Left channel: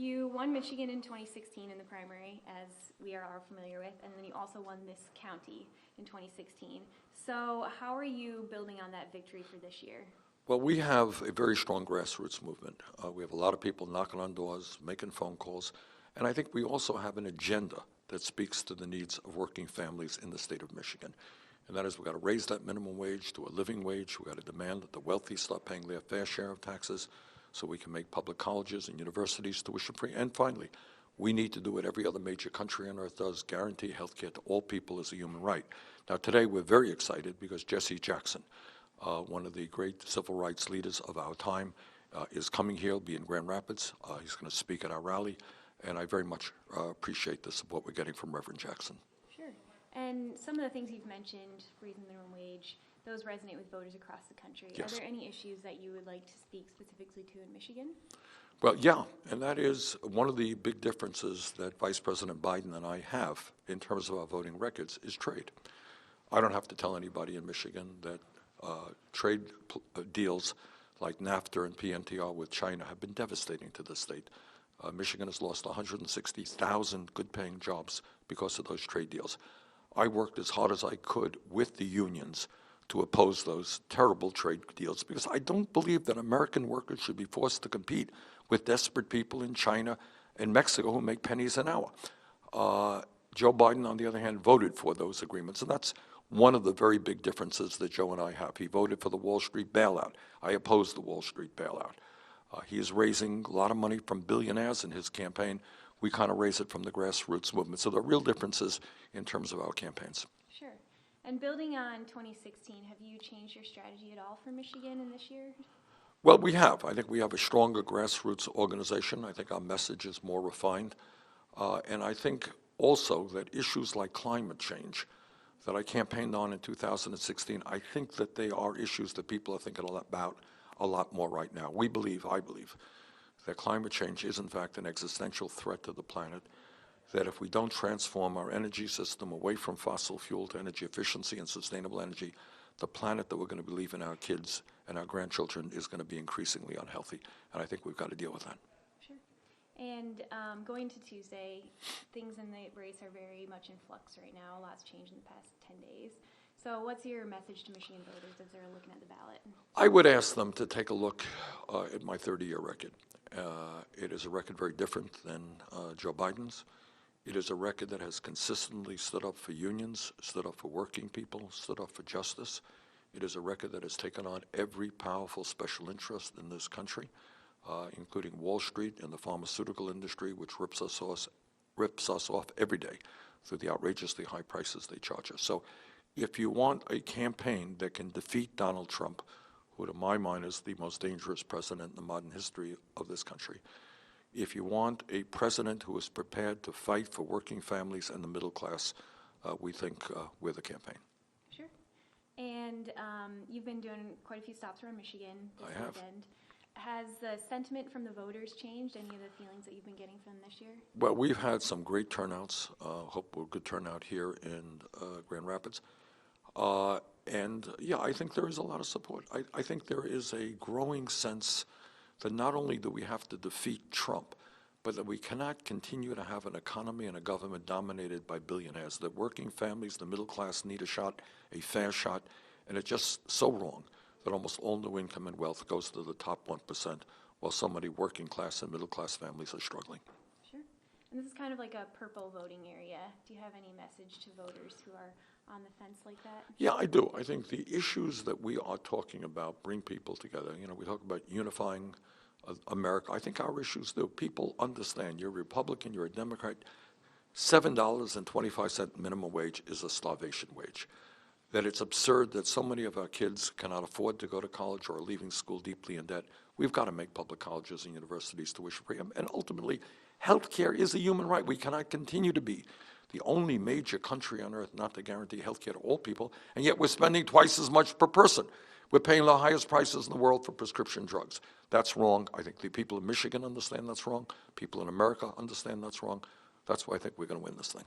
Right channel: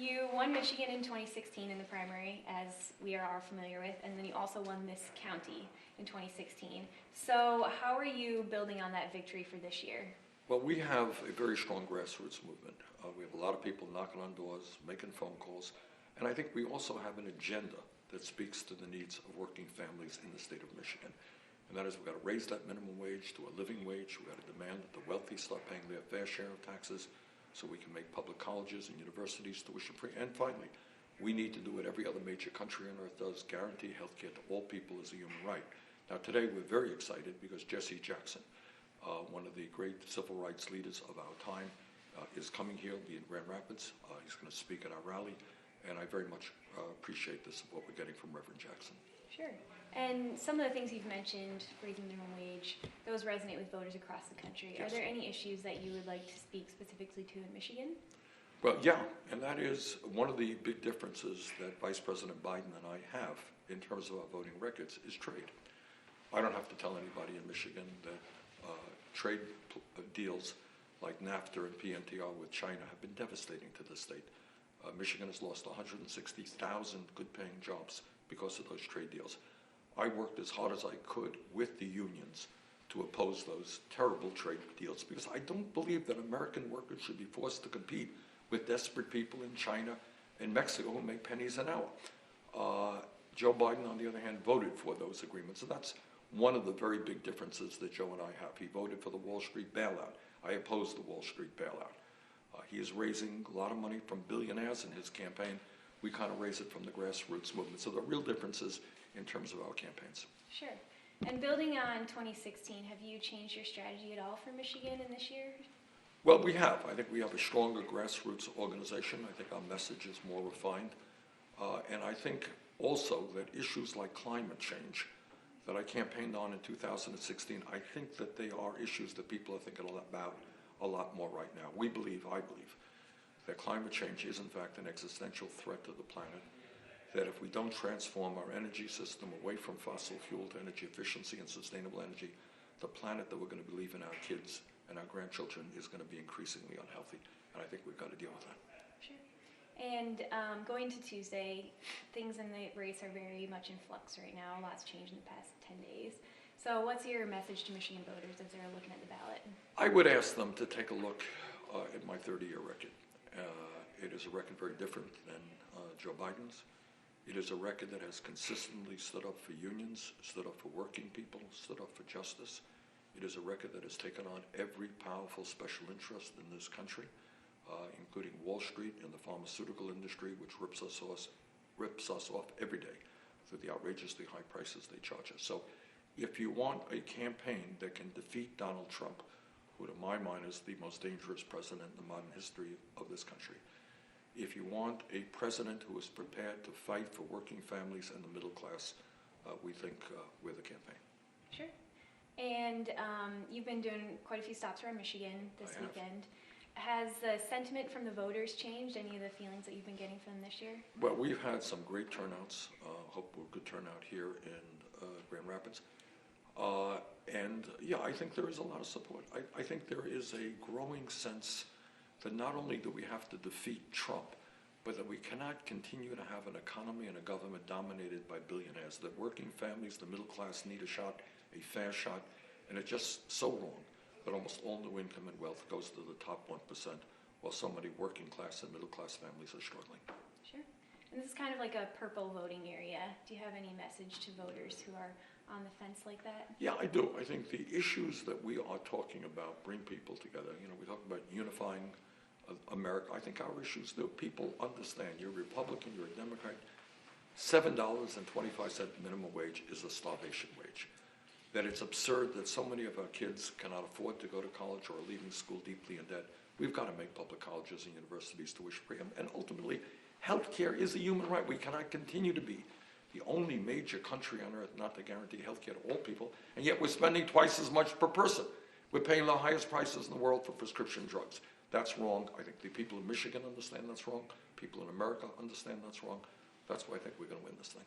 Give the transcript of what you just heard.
You won Michigan in 2016 in the primary, as we are all familiar with, and then you also won this county in 2016. So how are you building on that victory for this year? Well, we have a very strong grassroots movement. We have a lot of people knocking on doors, making phone calls, and I think we also have an agenda that speaks to the needs of working families in the state of Michigan. And that is, we've got to raise that minimum wage to a living wage. We've got to demand that the wealthy start paying their fair share of taxes so we can make public colleges and universities tuition-free. And finally, we need to do what every other major country on earth does, guarantee health care to all people as a human right. Now, today we're very excited because Jesse Jackson, one of the great civil rights leaders of our time, is coming here. He'll be in Grand Rapids. He's going to speak at our rally, and I very much appreciate the support we're getting from Reverend Jackson. Sure. And some of the things you've mentioned, raising minimum wage, those resonate with voters across the country. Yes. Are there any issues that you would like to speak specifically to in Michigan? Well, yeah, and that is one of the big differences that Vice President Biden and I have in terms of our voting records is trade. I don't have to tell anybody in Michigan that trade deals like NAFTA and PNTR with China have been devastating to the state. Michigan has lost 160,000 good-paying jobs because of those trade deals. I worked as hard as I could with the unions to oppose those terrible trade deals because I don't believe that American workers should be forced to compete with desperate people in China and Mexico who make pennies an hour. Joe Biden, on the other hand, voted for those agreements, and that's one of the very big differences that Joe and I have. He voted for the Wall Street bailout. I opposed the Wall Street bailout. He is raising a lot of money from billionaires in his campaign. We kind of raise it from the grassroots movement. So there are real differences in terms of our campaigns. Sure. And building on 2016, have you changed your strategy at all for Michigan in this year? Well, we have. I think we have a stronger grassroots organization. I think our message is more refined. And I think also that issues like climate change that I campaigned on in 2016, I think that they are issues that people are thinking about a lot more right now. I believe, that climate change is in fact an existential threat to the planet, that if we don't transform our energy system away from fossil fuel to energy efficiency and sustainable energy, the planet that we're going to be leaving our kids and our grandchildren is going to be increasingly unhealthy. And I think we've got to deal with that. And going to Tuesday, things in the race are very much in flux right now. A lot's changed in the past 10 days. So what's your message to Michigan voters as they're looking at the ballot? I would ask them to take a look at my 30-year record. It is a record very different than Joe Biden's. It is a record that has consistently stood up for unions, stood up for working people, stood up for justice. It is a record that has taken on every powerful special interest in this country, including Wall Street and the pharmaceutical industry, which rips us off every day through the outrageously high prices they charge us. So if you want a campaign that can defeat Donald Trump, who to my mind is the most dangerous president in the modern history of this country, if you want a president who is prepared to fight for working families and the middle class, we think we're the campaign. Sure. And you've been doing quite a few stops around Michigan this weekend. Has the sentiment from the voters changed? Any of the feelings that you've been getting from them this year? Well, we've had some great turnouts. Hope we're a good turnout here in Grand Rapids. And yeah, I think there is a lot of support. I think there is a growing sense that not only do we have to defeat Trump, but that we cannot continue to have an economy and a government dominated by billionaires, that working families, the middle class need a shot, a fair shot, and it's just so wrong that almost all new income and wealth goes to the top 1%, while so many working class and middle class families are struggling. Sure. And this is kind of like a purple voting area. Do you have any message to voters who are on the fence like that? Yeah, I do. I think the issues that we are talking about bring people together. You know, we talk about unifying America. I think our issues do. People understand you're a Republican, you're a Democrat. $7.25 minimum wage is a starvation wage. That it's absurd that so many of our kids cannot afford to go to college or are leaving school deeply in debt. We've got to make public colleges and universities tuition-free. And ultimately, health care is a human right. We cannot continue to be the only major country on earth not to guarantee health care to all people, and yet we're spending twice as much per person. We're paying the highest prices in the world for prescription drugs. That's wrong. I think the people of Michigan understand that's wrong. People in America understand that's wrong. That's why I think we're going to win this thing.